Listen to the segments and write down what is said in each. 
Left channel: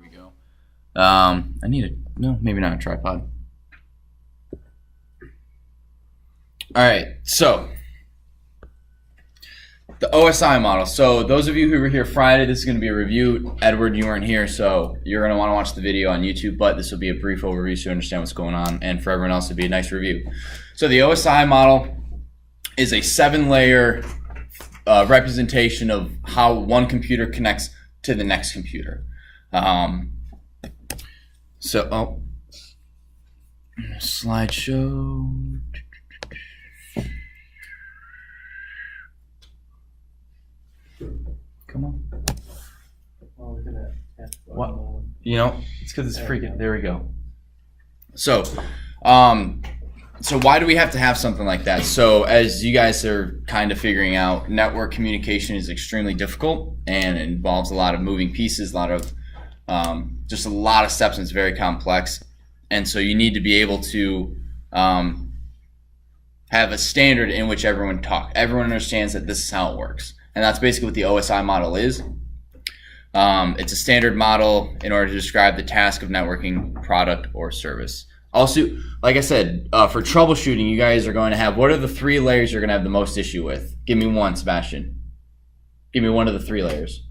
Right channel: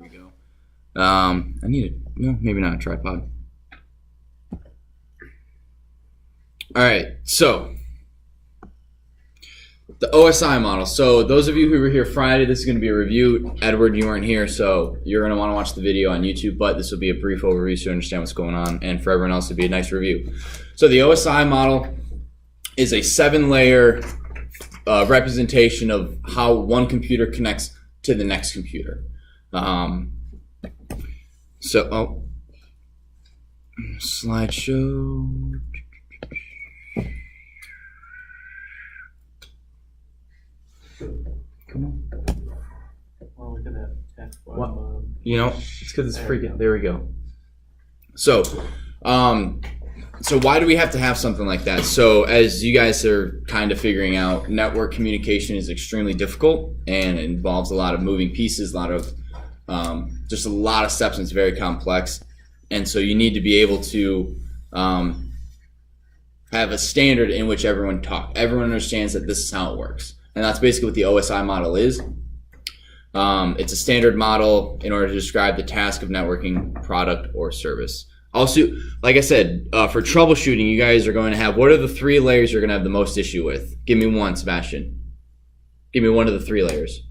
we go. I need no, maybe not a tripod. All right, so the OSI model. So those of you who were here Friday, this is going to be a review. Edward, you weren't here, so you're going to want to watch the video on YouTube, but this will be a brief overview so you understand what's going on, and for everyone else, it'll be a nice review. So the OSI model is a 7-layer representation of how one computer connects to the next computer. Slideshow. Come on. Well, look at that. What? You know, it's because it's freaking. There we go. So why do we have to have something like that? So as you guys are kind of figuring out, network communication is extremely difficult and it involves a lot of moving pieces, a lot of just a lot of steps, and it's very complex. And so you need to be able to have a standard in which everyone understands that this is how it works. And that's basically what the OSI model is. It's a standard model in order to describe the task of networking, product, or service. Also, like I said, for troubleshooting, you guys are going to have, what are the 3 layers you're going to have the most issue with? Give me one, Sebastian. Give me one of the 3 layers.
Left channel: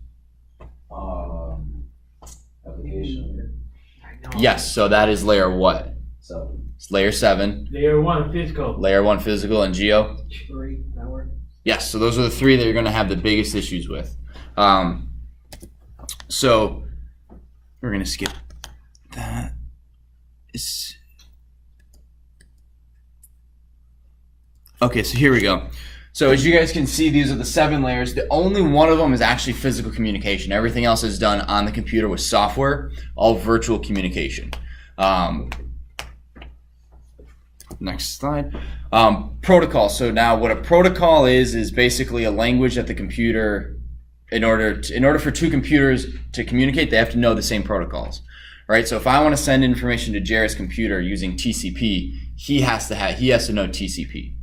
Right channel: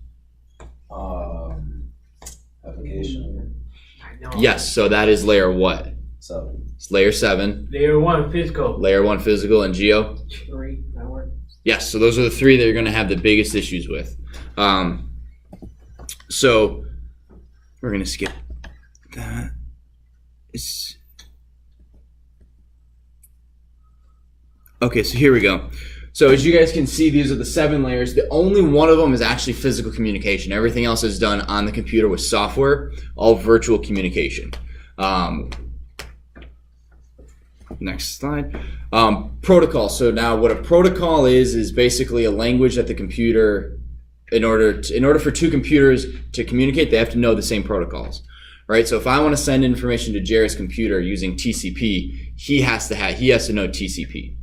Application. Yes, so that is layer what? 7. It's layer 7. Layer 1 physical. Layer 1 physical, and Geo? 3 network. Yes, so those are the 3 that you're going to have the biggest issues with. So we're going to skip that. Okay, so here we go. So as you guys can see, these are the 7 layers. The only one of them is actually physical communication. Everything else is done on the computer with software, all virtual communication. Next slide. Protocol. So now what a protocol is basically a language that the computer, in order for 2 computers to communicate, they have to know the same protocols. Right? So if I want to send information to Jared's computer using TCP, he has to know TCP.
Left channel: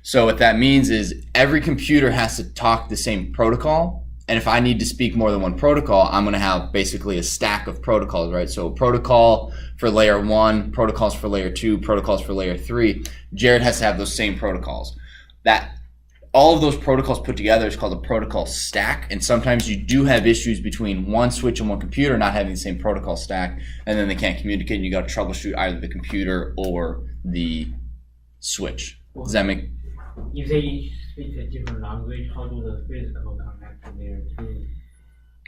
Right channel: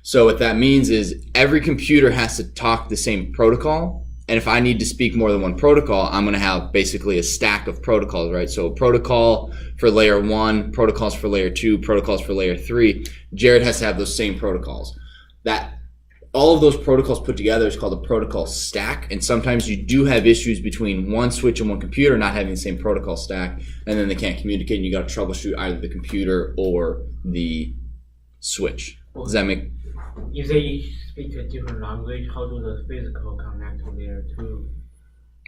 So what that means is every computer has to talk the same protocol. And if I need to speak more than one protocol, I'm going to have basically a stack of protocols, right? So protocol for layer 1, protocols for layer 2, protocols for layer 3. Jared has to have those same protocols. All of those protocols put together is called a protocol stack. And sometimes you do have issues between one switch and one computer not having the same protocol stack, and then they can't communicate, and you got to troubleshoot either the computer or the switch. Does that make? If they each speak a different language, how do the physical connect to layer 2?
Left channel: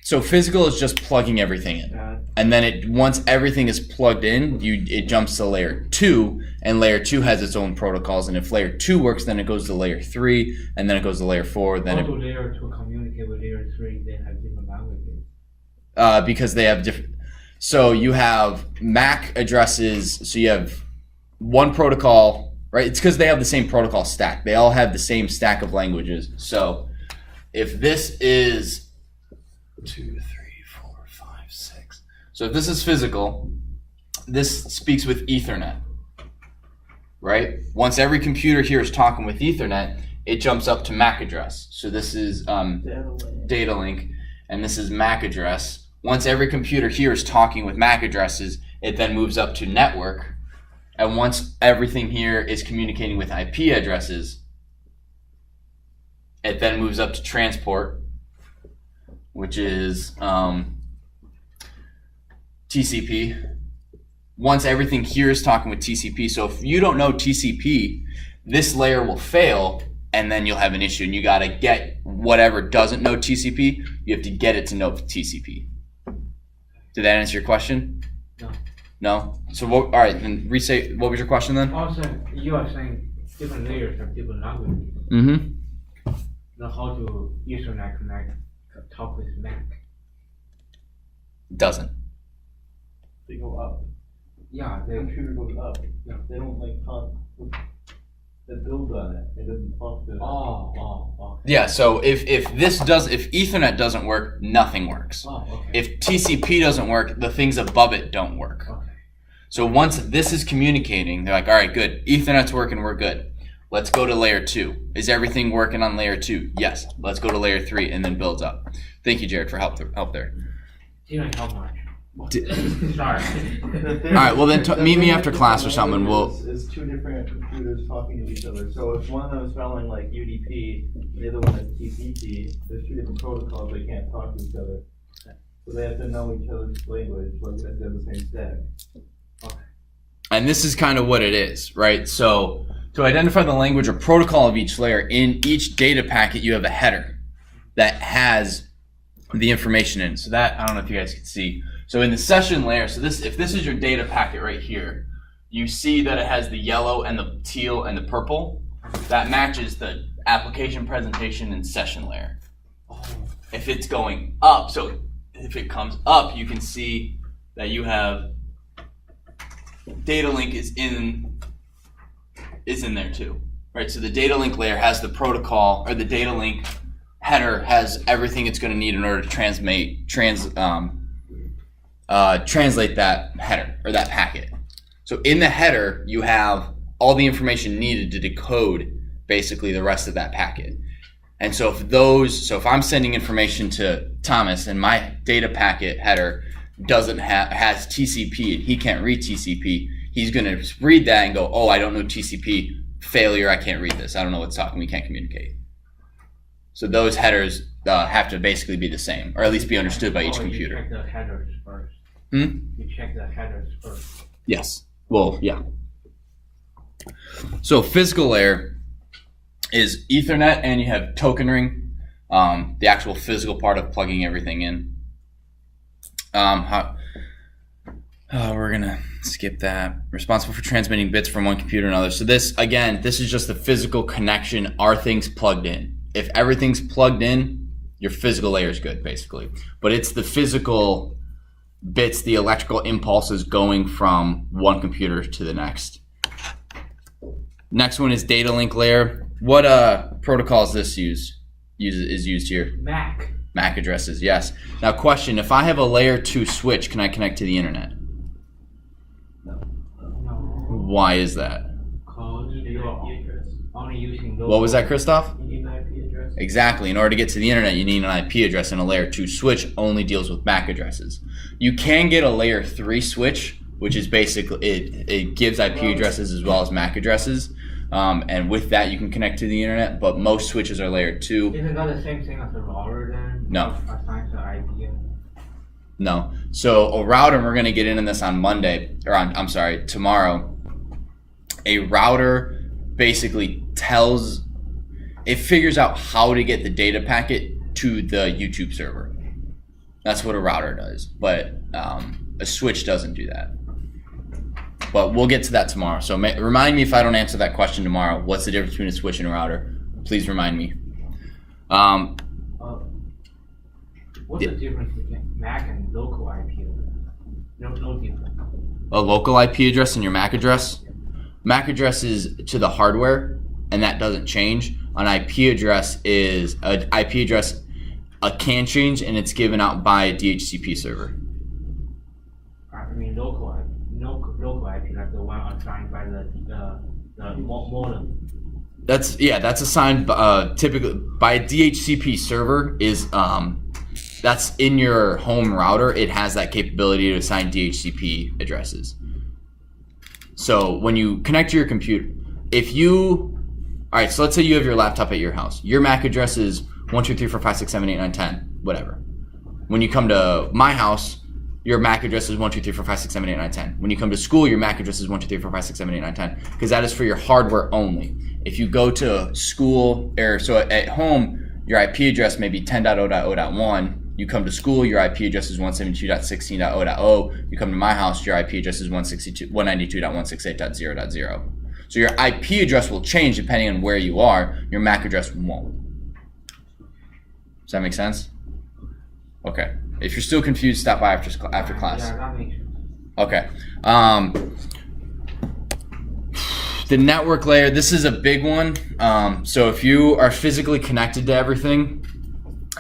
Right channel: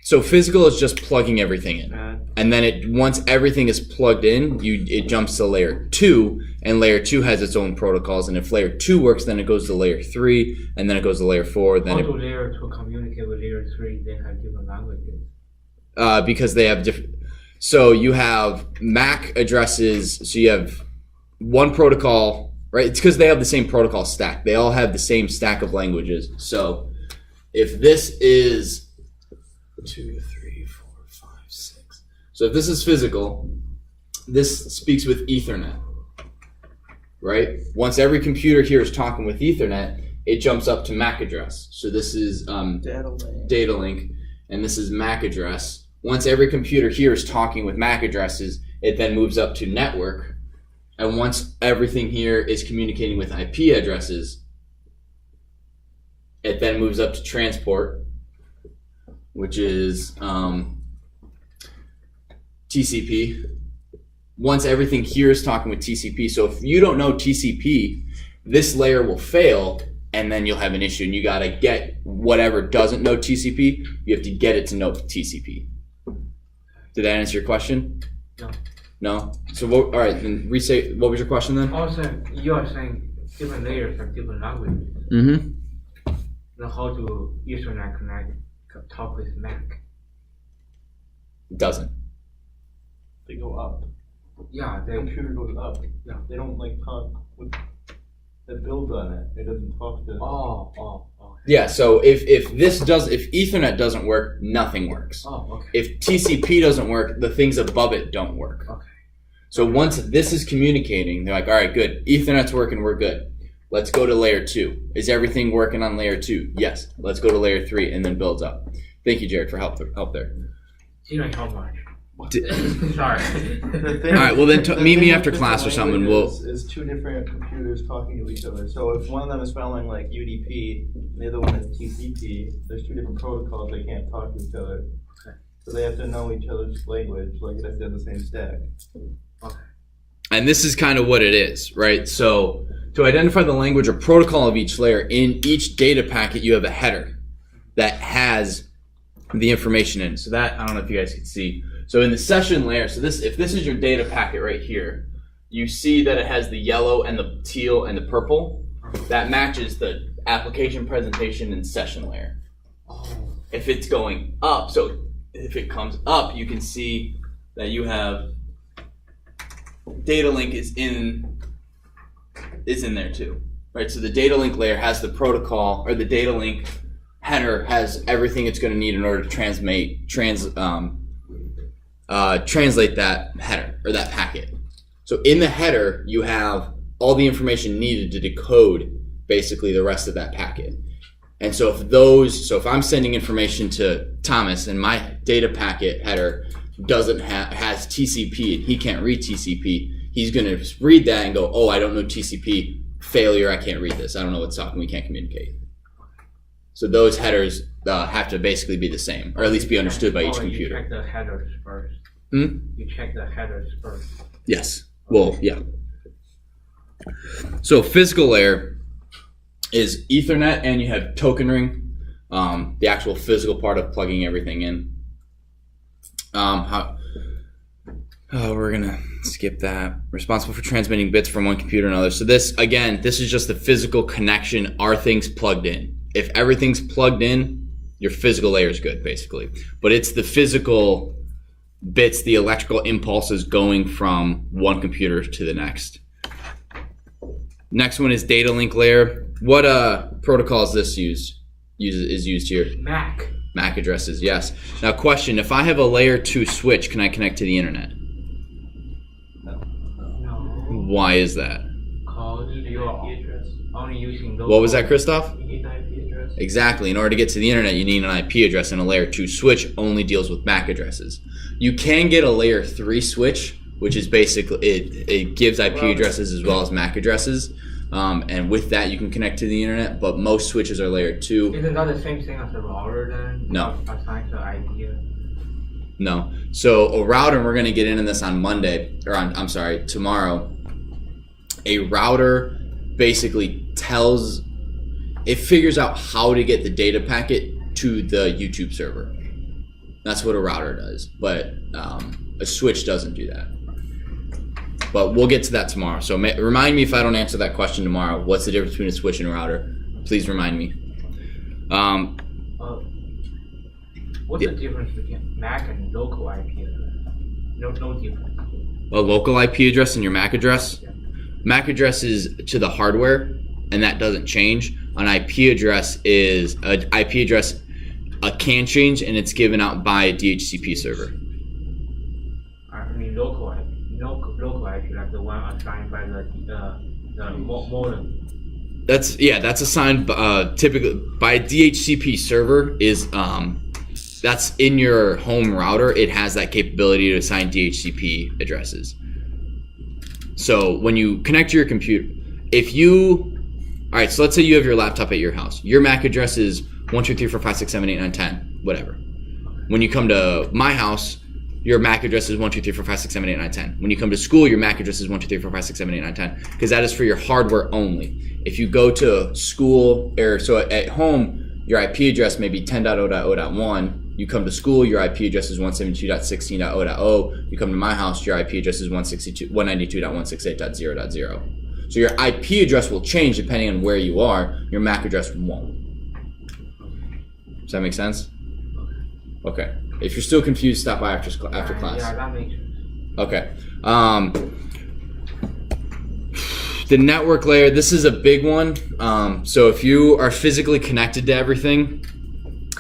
So physical is just plugging everything in. And then once everything is plugged in, it jumps to layer 2, and layer 2 has its own protocols. And if layer 2 works, then it goes to layer 3, and then it goes to layer 4. Then how do layer 2 communicate with layer 3? They have different languages. Because they have different. So you have MAC addresses. So you have one protocol. Right, it's because they have the same protocol stack. They all have the same stack of languages. So if this is 2, 3, 4, 5, 6. So if this is physical, this speaks with Ethernet. Right? Once every computer here is talking with Ethernet, it jumps up to MAC address. So this is data link, and this is MAC address. Once every computer here is talking with MAC addresses, it then moves up to network. And once everything here is communicating with IP addresses, it then moves up to transport, which is TCP. Once everything here is talking with TCP, so if you don't know TCP, this layer will fail, and then you'll have an issue, and you gotta get whatever doesn't know TCP, you have to get it to know TCP. Did that answer your question? No. No? So, all right, then restate, what was your question then? Also, you are saying different layers have different languages. Mm-hmm. Then how do Ethernet talk with MAC? It doesn't. They go up. Yeah, The computer goes up. Yeah. They don't like talk with the build on it. It doesn't talk to. Okay. Yeah, so if Ethernet doesn't work, nothing works. Oh, okay. If TCP doesn't work, the things above it don't work. Okay. So once this is communicating, they're like, all right, good. Ethernet's working, we're good. Let's go to layer 2. Is everything working on layer 2? Yes. Let's go to layer 3 and then builds up. Thank you, Jared, for help there. You know how much? Sorry. All right, well then meet me after class or something, we'll- Is two different computers talking to each other. So if one of them is spelling like UDP, and the other one is TCP, there's two different protocols. They can't talk to each other. So they have to know each other's language, like they have to have the same stack. And this is kind of what it is, right? So to identify the language or protocol of each layer, in each data packet, you have a header that has the information in. So that, I don't know if you guys can see. So in the session layer, so if this is your data packet right here, you see that it has the yellow and the teal and the purple. That matches the application presentation and session layer. If it's going up, so if it comes up, you can see that you have data link is in there too, right? So the data link layer has the protocol, or the data link header has everything it's going to need in order to translate that header or that packet. So in the header, you have all the information needed to decode basically the rest of that packet. And so if I'm sending information to Thomas and my data packet header has TCP and he can't read TCP, he's going to read that and go, oh, I don't know TCP, failure, I can't read this. I don't know what's talking, we can't communicate. So those headers have to basically be the same, or at least be understood by each computer. You check the headers first. You check the headers first. Yes. Well, yeah. So physical layer is Ethernet, and you have token ring, the actual physical part of plugging everything in. We're gonna skip that. Responsible for transmitting bits from one computer to another. So this is just the physical connection. Are things plugged in? If everything's plugged in, your physical layer is good, basically. But it's the physical bits, the electrical impulses going from one computer to the next. Next one is data link layer. What protocol is this is used here? MAC addresses, yes. Now question, if I have a layer 2 switch, can I connect to the internet? No. Why is that? Because you're only using those. What was that, Christoph? You need an IP address. Exactly. In order to get to the internet, you need an IP address, and a layer 2 switch only deals with MAC addresses. You can get a layer 3 switch, which is basically, it gives IP addresses as well as MAC addresses. And with that, you can connect to the internet, but most switches are layer 2. Isn't that the same thing as a router then? No. Assigned to IP? No. So a router, and we're going to get into this on Monday, or tomorrow. A router basically figures out how to get the data packet to the YouTube server. That's what a router does, but a switch doesn't do that. But we'll get to that tomorrow. So remind me if I don't answer that question tomorrow. What's the difference between a switch and a router? Please remind me. What's the difference between MAC and local IP address? No difference. A local IP address and your MAC address? Yeah. MAC address is to the hardware, and that doesn't change. An IP address can change, and it's given out by a Dhcp server. I mean local IP, like the one assigned by the modem. That's assigned typically by a Dhcp server. That's in your home router. It has that capability to assign DHCP addresses. So when you connect to your computer, so let's say you have your laptop at your house. Your MAC address is 1, 2, 3, 4, 5, 6, 7, 8, 9, 10, whatever. When you come to my house, your MAC address is 1, 2, 3, 4, 5, 6, 7, 8, 9, 10. When you come to school, your MAC address is 1, 2, 3, 4, 5, 6, 7, 8, 9, 10. Because that is for your hardware only. If you go to school, at home, your IP address may be 10.0.0.1. You come to school, your IP address is 172.16.0.0. You come to my house, your IP address is 192.168.0.0. So your IP address will change depending on where you are. Your MAC address won't. Does that make sense? Okay. If you're still confused, stop by after class. Yeah, that makes sense. Okay. The network layer, this is a big one. So if you are physically connected to everything,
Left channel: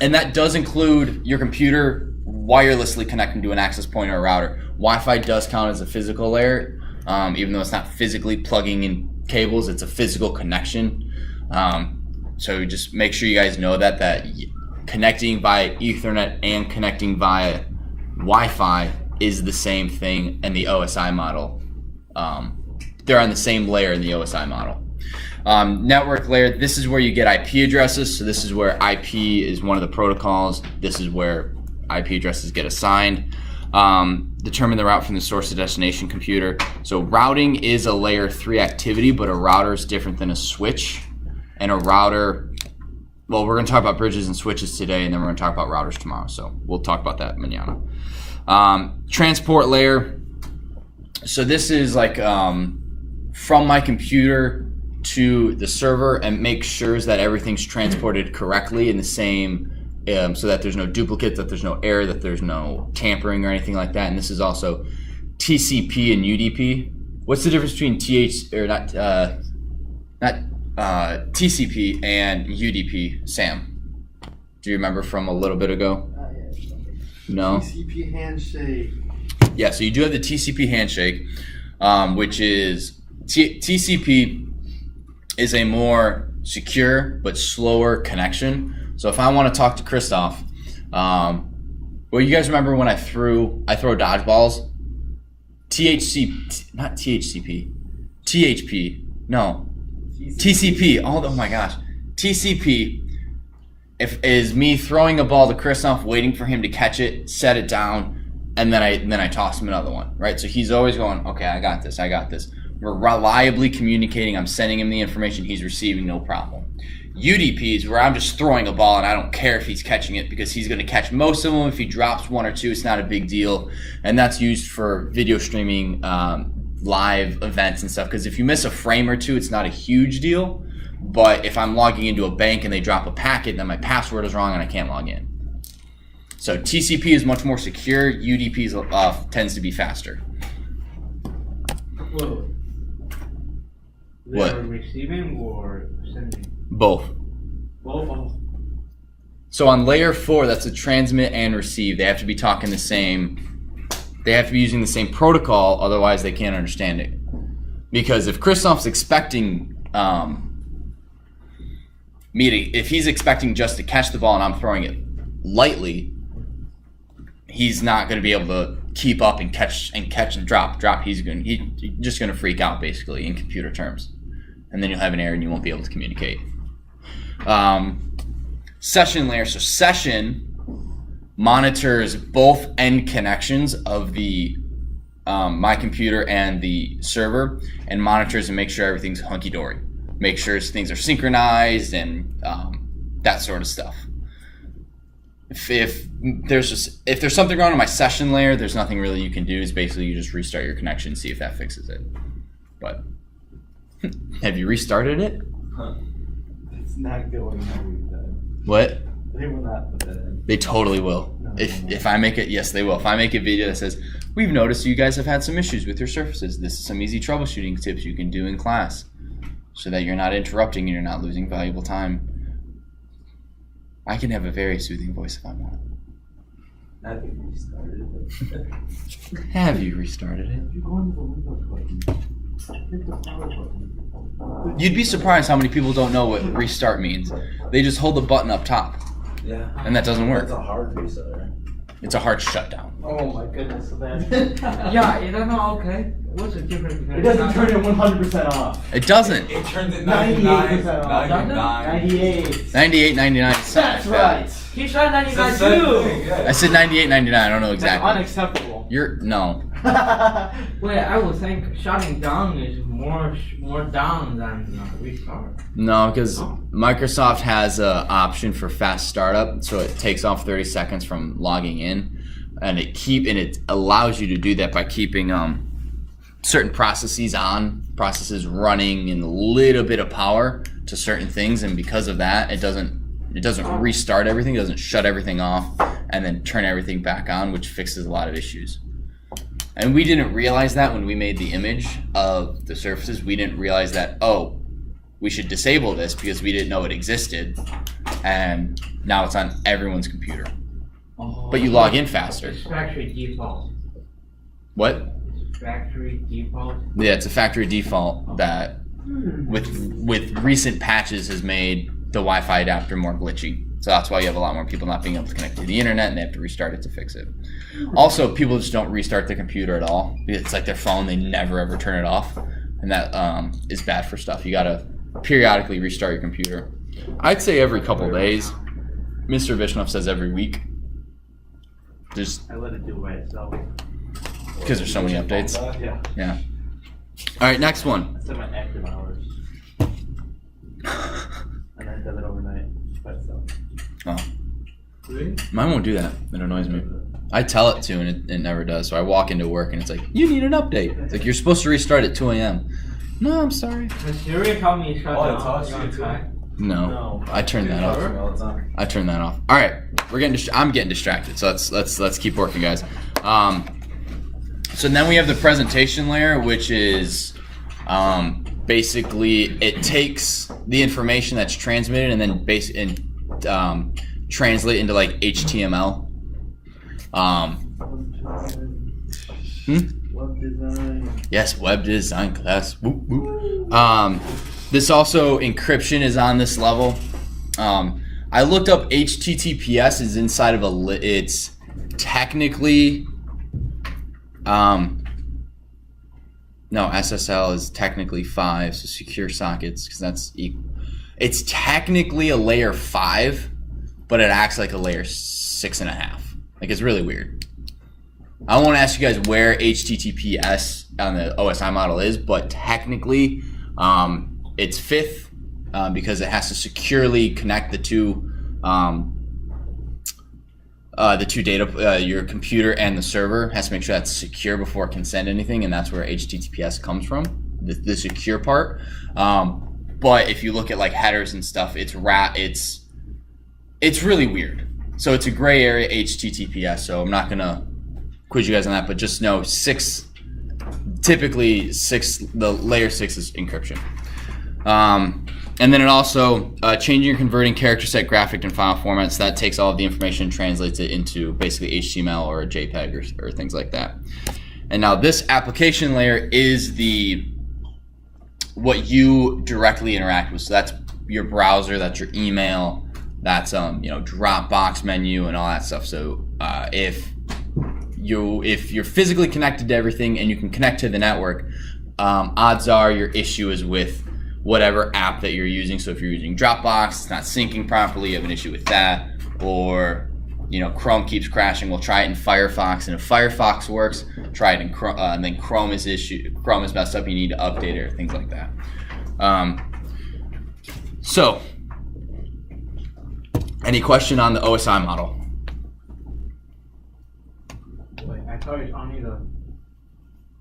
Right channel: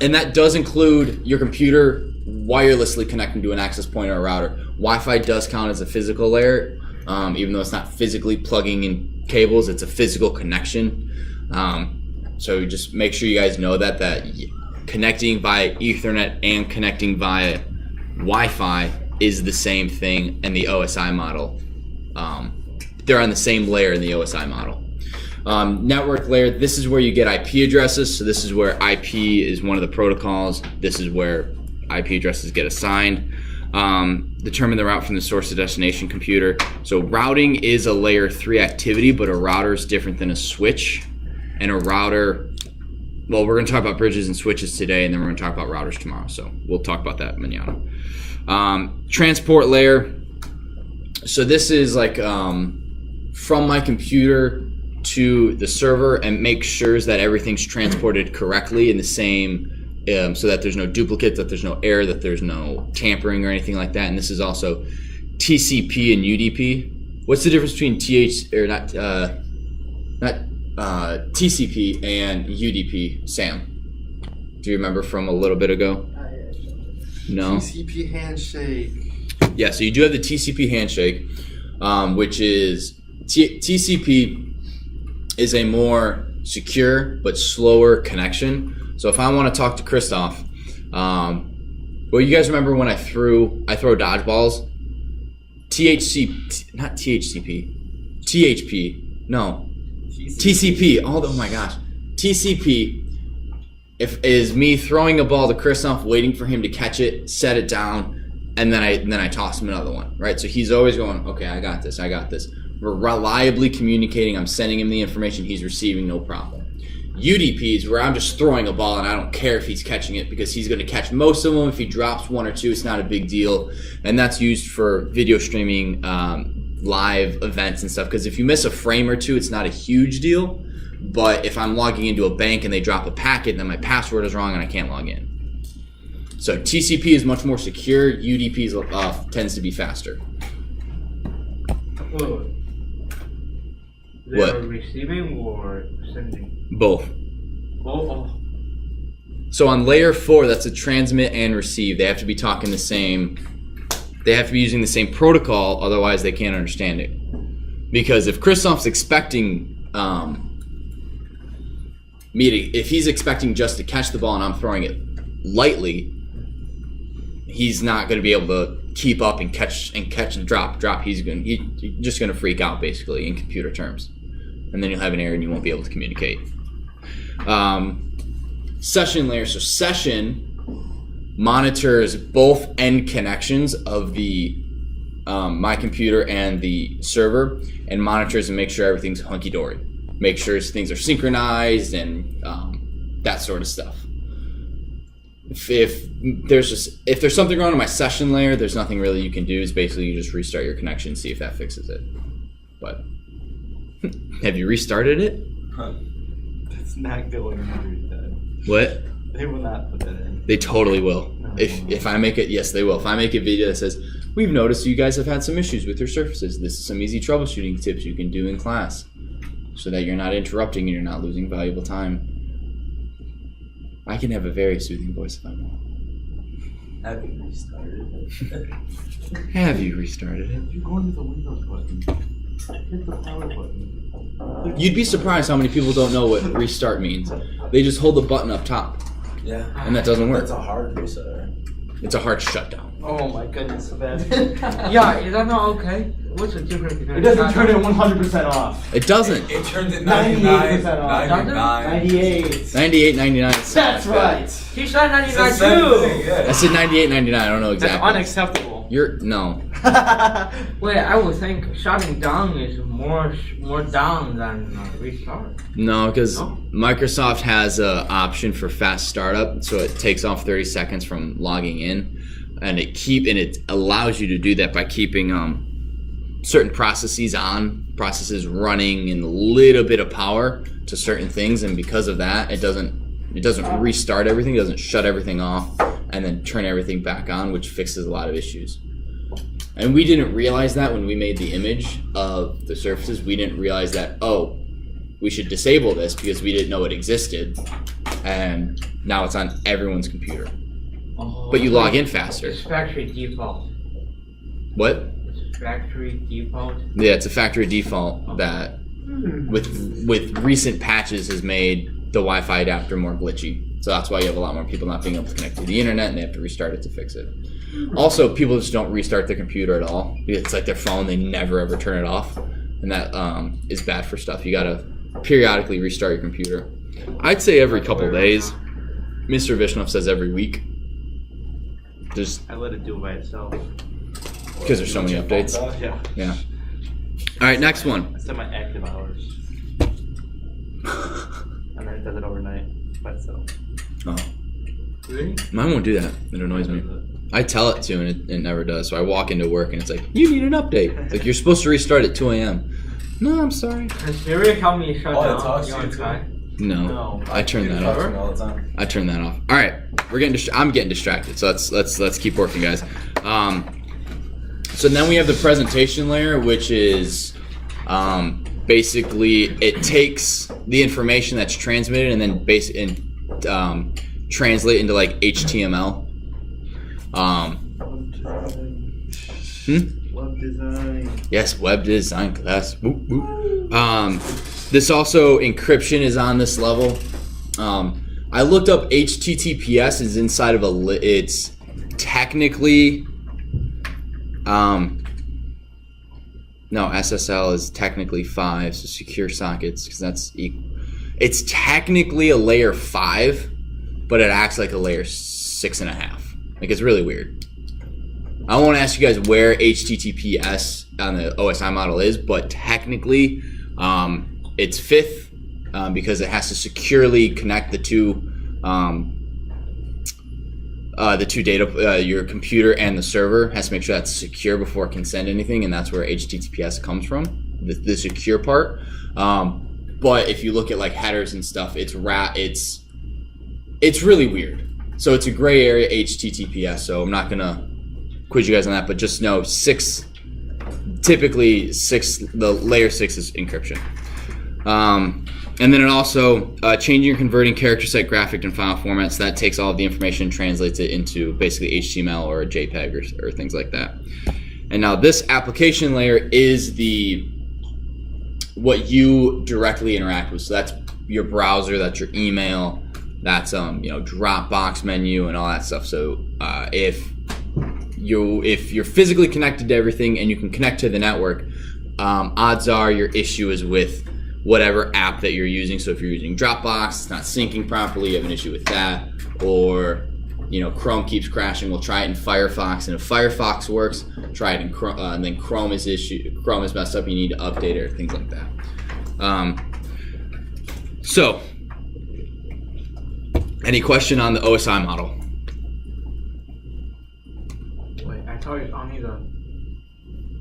and that does include your computer wirelessly connecting to an access point or a router. Wi-Fi does count as a physical layer, even though it's not physically plugging in cables, it's a physical connection. So just make sure you guys know that connecting via Ethernet and connecting via Wi-Fi is the same thing in the OSI model. They're on the same layer in the OSI model. Network layer, this is where you get IP addresses. So this is where IP is one of the protocols. This is where IP addresses get assigned. Determine the route from the source to destination computer. So routing is a layer 3 activity, but a router is different than a switch. And a router, well, we're going to talk about bridges and switches today, and then we're going to talk about routers tomorrow. So we'll talk about that mañana. Transport layer. So this is like from my computer to the server, and make sure that everything's transported correctly in the same, so that there's no duplicate, that there's no error, that there's no tampering or anything like that. And this is also TCP and UDP. What's the difference between TCP and UDP, Sam? Do you remember from a little bit ago? No. TCP handshake. Yeah, so you do have the TCP handshake, which is TCP is a more secure but slower connection. So if I want to talk to Christoph, well, you guys remember when I throw dodgeballs? TCP. Oh my gosh, TCP. Is me throwing a ball to Christoph, waiting for him to catch it, set it down, and then I toss him another one, right? So he's always going, okay, I got this. We're reliably communicating. I'm sending him the information. He's receiving, no problem. UDP is where I'm just throwing a ball and I don't care if he's catching it, because he's going to catch most of them. If he drops one or two, it's not a big deal. And that's used for video streaming, live events and stuff, because if you miss a frame or two, it's not a huge deal. But if I'm logging into a bank and they drop a packet, then my password is wrong and I can't log in. So TCP is much more secure. UDP tends to be faster. Whoa. What? They're receiving or sending? Both. Both. Oh. So on layer 4, that's a transmit and receive. They have to be talking the same. They have to be using the same protocol, otherwise they can't understand it. Because if Christoph's expecting if he's expecting just to catch the ball and I'm throwing it lightly, he's not going to be able to keep up and catch and drop. He's just going to freak out, basically, in computer terms, and then you'll have an error and you won't be able to communicate. Session layer. So session monitors both end connections of the my computer and the server, and monitors and makes sure everything's hunky-dory. Make sure things are synchronized and that sort of stuff. If there's something wrong on my session layer, there's nothing really you can do. It's basically you just restart your connection and see if that fixes it. But have you restarted it? It's not going every time. What? They will not put that in. They totally will. No, If I make it, yes, they will. If I make a video that says, we've noticed you guys have had some issues with your surfaces. This is some easy troubleshooting tips you can do in class, so that you're not interrupting and you're not losing valuable time. I can have a very soothing voice if I want. Have you restarted it? Have you restarted it? You go into the Windows button. Hit the power button. You'd be surprised how many people don't know what restart means. They just hold the button up top, Yeah. and that doesn't work. That's a hard reset, right? It's a hard shutdown. Oh my goodness, so bad. Yeah, is that not okay? What's the difference between It doesn't turn it 100% off. It doesn't. It turns it 98% off. 99. 98. 98, 99. That's right. He tried 99 It's the same too! thing, yeah. I said 98, 99. I don't know That's exactly. unacceptable. No. Wait, I would think shutting down is more down than restart. No, because Microsoft has an option for fast startup, so it takes off 30 seconds from logging in, and it allows you to do that by keeping certain processes running in a little bit of power to certain things, and because of that, it doesn't restart everything, it doesn't shut everything off, and then turn everything back on, which fixes a lot of issues. And we didn't realize that when we made the image of the surfaces. We didn't realize that, we should disable this because we didn't know it existed, and now it's on everyone's computer. But you log in faster. It's factory default. What? It's factory default. Yeah, it's a factory default that with recent patches has made the Wi-Fi adapter more glitchy. So that's why you have a lot more people not being able to connect to the internet, and they have to restart it to fix it. Also, people just don't restart their computer at all. It's like their phone, they never ever turn it off. And that is bad for stuff. You gotta periodically restart your computer. I'd say every couple of days. Mr. Vishnov says every week. I let it do it by itself. Because there's so many updates. Yeah. All right, next one. I set my active hours. And then it does it overnight by itself. Oh. Really? Mine won't do that. It annoys me. I tell it to, and it never does. So I walk into work, and it's like, you need an update. It's like, you're supposed to restart at 2 a.m. No, I'm sorry. Does Siri help me shut down? It talks to you try? No, I turned that Talks to off. me all the time. I turned that off. All right, I'm getting distracted. So let's keep working, guys. So then we have the presentation layer, which is basically it takes the information that's transmitted and then translate it into like HTML. Web design. Yes, web design class. Whoop, whoop. This also encryption is on this level. I looked up HTTPS is inside of it's technically no, SSL is technically 5, so secure sockets, because that's equal. It's technically a layer 5, but it acts like a layer 6.5. Like, it's really weird. I won't ask you guys where HTTPS on the OSI model is, but technically it's 5th because it has to securely connect the two data, your computer and the server has to make sure that's secure before it can send anything, and that's where HTTPS comes from, the secure part. But if you look at like headers and stuff, it's really weird. So it's a gray area HTTPS. So I'm not gonna quiz you guys on that, but just know typically the layer 6 is encryption. And then it also changing or converting character set, graphic, and file formats. That takes all of the information and translates it into basically HTML or a JPEG or things like that. And now this application layer is what you directly interact with. So that's your browser, that's your email, that's Dropbox menu and all that stuff. So if you're physically connected to everything and you can connect to the network, odds are your issue is with whatever app that you're using. So if you're using Dropbox, it's not syncing properly, you have an issue with that. Or Chrome keeps crashing, we'll try it in Firefox, and if Firefox works, try it in Chrome, and then Chrome is messed up, you need to update it, or things like that. So any question on the OSI model? Wait, I thought it's only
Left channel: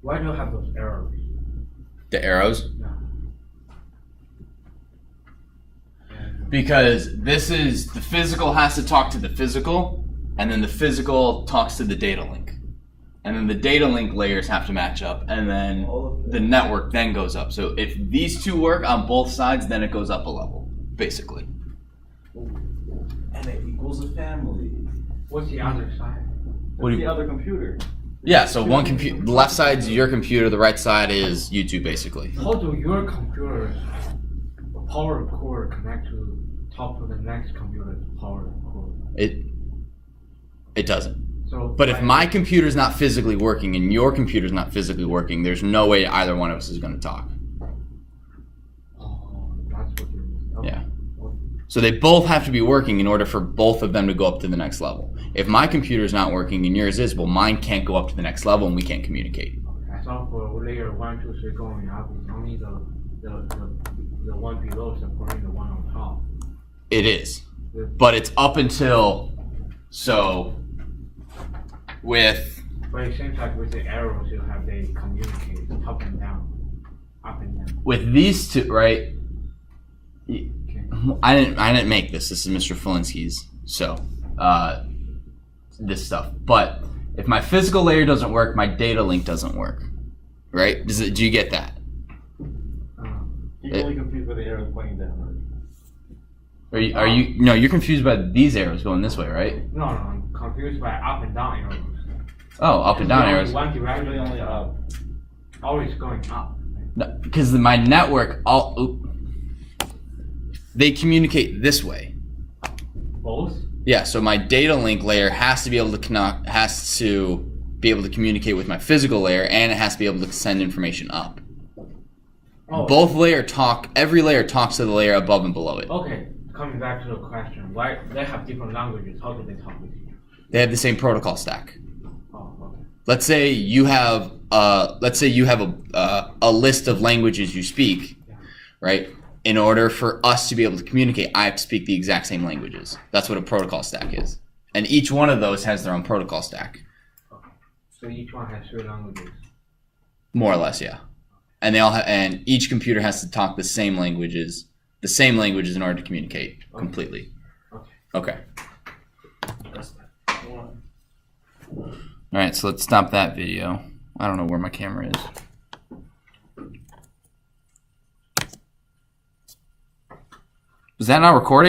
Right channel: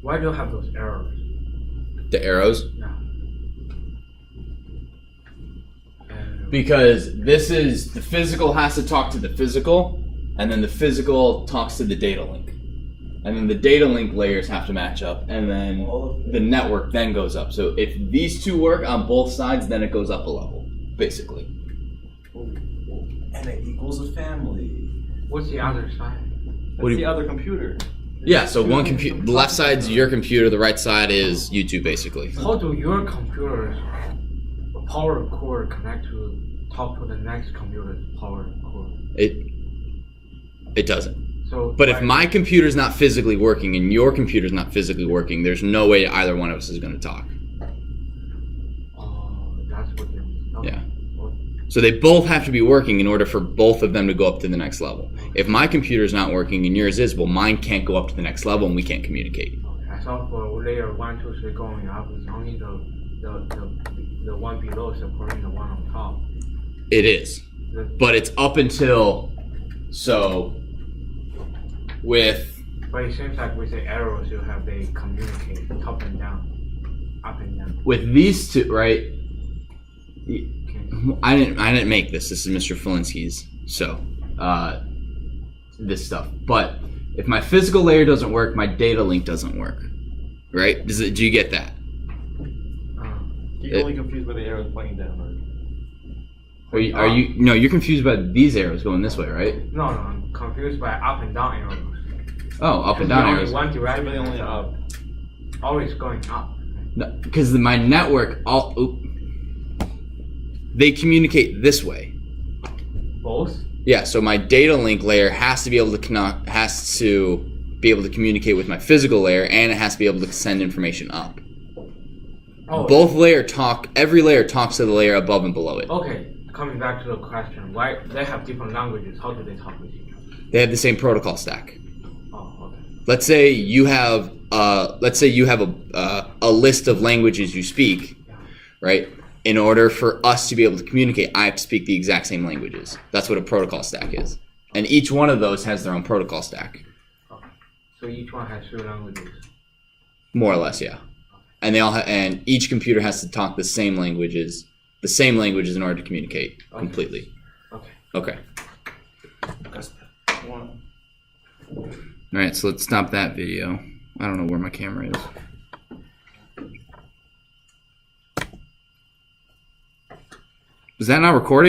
why do you have those errors? The arrows? Yeah. Because this is, the physical has to talk to the physical, and then the physical talks to the data link. And then the data link layers have to match up, and then the network then goes up. So if these two work on both sides, then it goes up a level, basically. And it equals a family. What's the other side? That's the other computer. Yeah, so one computer, the left side's your computer, the right side is YouTube, basically. How do your computers power cord connect to talk to the next computer's power cord? It doesn't. So, but if my computer's not physically working and your computer's not physically working, there's no way either one of us is going to talk. Oh, that's what you mean. Okay. Yeah. Well, So they both have to be working in order for both of them to go up to the next level. If my computer's not working and yours is, well, mine can't go up to the next level and we can't communicate. okay. I thought for layer 1, 2, 3 going up, it's only the one below supporting the one on top. It is. But it's up until, But it seems like with the arrows, they communicate top and down, up and down. with these two, right? Okay. I didn't make this. This is Mr. Felinsky's. So, this stuff. But if my physical layer doesn't work, my data link doesn't work. Right? Do you get that? You're only confused by the arrows pointing downward. Are you? No, you're confused by these arrows going this way, right? No, I'm confused by up and down arrows. Oh, up and down Only arrows. One direction, Really only up. always going up. No, because my network they communicate this way. both? Yeah, so my data link layer has to be able to communicate with my physical layer, and it has to be able to send information up. Oh, Every layer talks to the layer above and below it. okay. Coming back to the question, why they have different languages? How do they talk with each other? They have the same protocol stack. Oh, okay. Let's say you have a list of languages you speak, right? In order for us to be able to communicate, I have to speak the exact same languages. That's what a protocol stack is. And each one of those has their own protocol stack. Okay. So each one has 3 languages. More or less, yeah. And and each computer has to talk the same languages in order to communicate completely. Okay. Okay. That's one. All right, so let's stop that video. I don't know where my camera is. Is that not recording?